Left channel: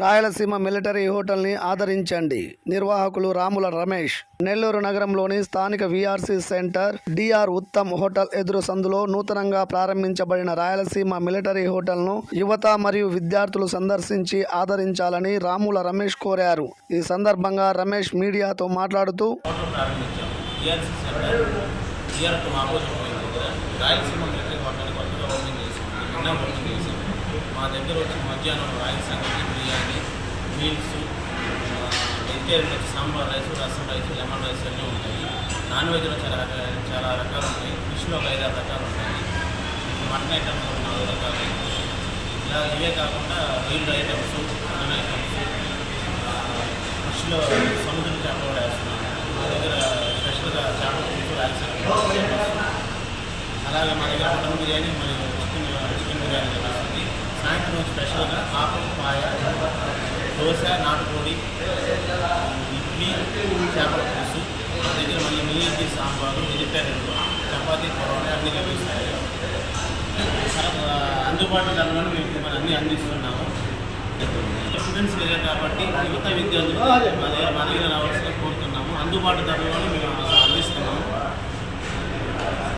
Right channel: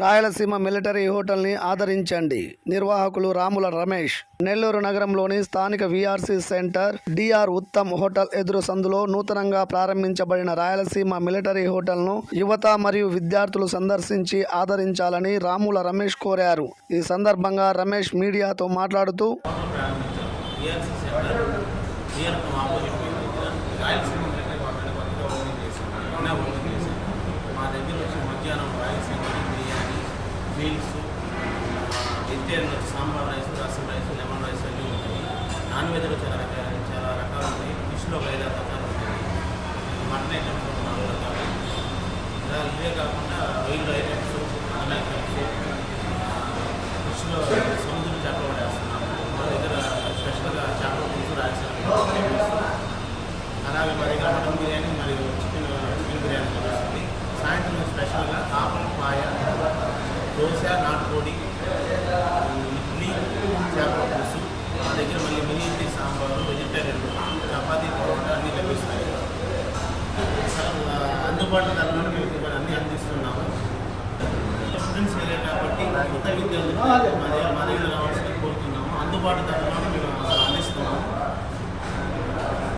Rayalaseema military హోటల్ని ఆదరించండి. నిర్వాహకులు రాముల రమేష్. నెల్లూరు నగరంలోని స్థానిక VRC centre DR Uttam hotel ఎదురు సందులో నూతనంగా ప్రారంభించబడిన రాయలసీమ మిలిటరీ హోటల్ను యువత మరియు విద్యార్థులు సందర్శించి ఆదరించాలని రాముల రమేష్ కోరారు. ఈ సందర్భంగా రమేష్ మీడియాతో మాట్లాడుతూ రాయలసీమ మిలిటరీ హోటల్ కొత్తగా ఓపెన్ చేసాము నిన్న ఓపెన్ చేసాము మా దగ్గర వచ్చి మధ్యాహ్నం రాయల సంగతి బిర్యానీ మీల్స్ వెజిటేరియన్ వచ్చి sambar rice rasam rice lemon rice అన్నీ ఉంటాయి. నాన్ వెజ్లో చాలా చాలా రకాలు ఉన్నాయి ఫిష్లో ఒక ఐదారు రకాలు ఉంటాయి. మటన్ ఐటమ్స్ ఒక నాలుగు రకాలు. ఇలా ఇవే కాకుండా రొయ్యలు ఐటమ్స్ మటన్ ఐటమ్స్ ఫిష్లో సముద్రం చేపలు కూడా వేస్తున్నాను. మా దగ్గర స్పెషల్గా చేపల పులుసు రాయలసీమ అలాగే మా దగ్గర మటన్ బిర్యానీ మరియు చికెన్ చికెన్ బిర్యానీ లభిస్తుంది స్పెషల్గా ఆపం పాయ దోశ నాటుకోడి ఇడ్లీ చేపల పులుసు మా దగ్గర మళ్ళీ మినీ ఇడ్లీ సాంబారు వెజిటేరియన్ చపాతీ పొరోటా అన్నీ లభిస్తాయి. అందుబాటు ధరలోనే మేము ఇప్పుడు అన్నీ అందిస్తున్నాము. స్టూడెంట్స్ ఏరియా కాబట్టి యువత విద్యార్థులు మా దగ్గర మా దగ్గర రావాల్సిన కోరుతున్నాము. అందుబాటు ధరలోనే మేము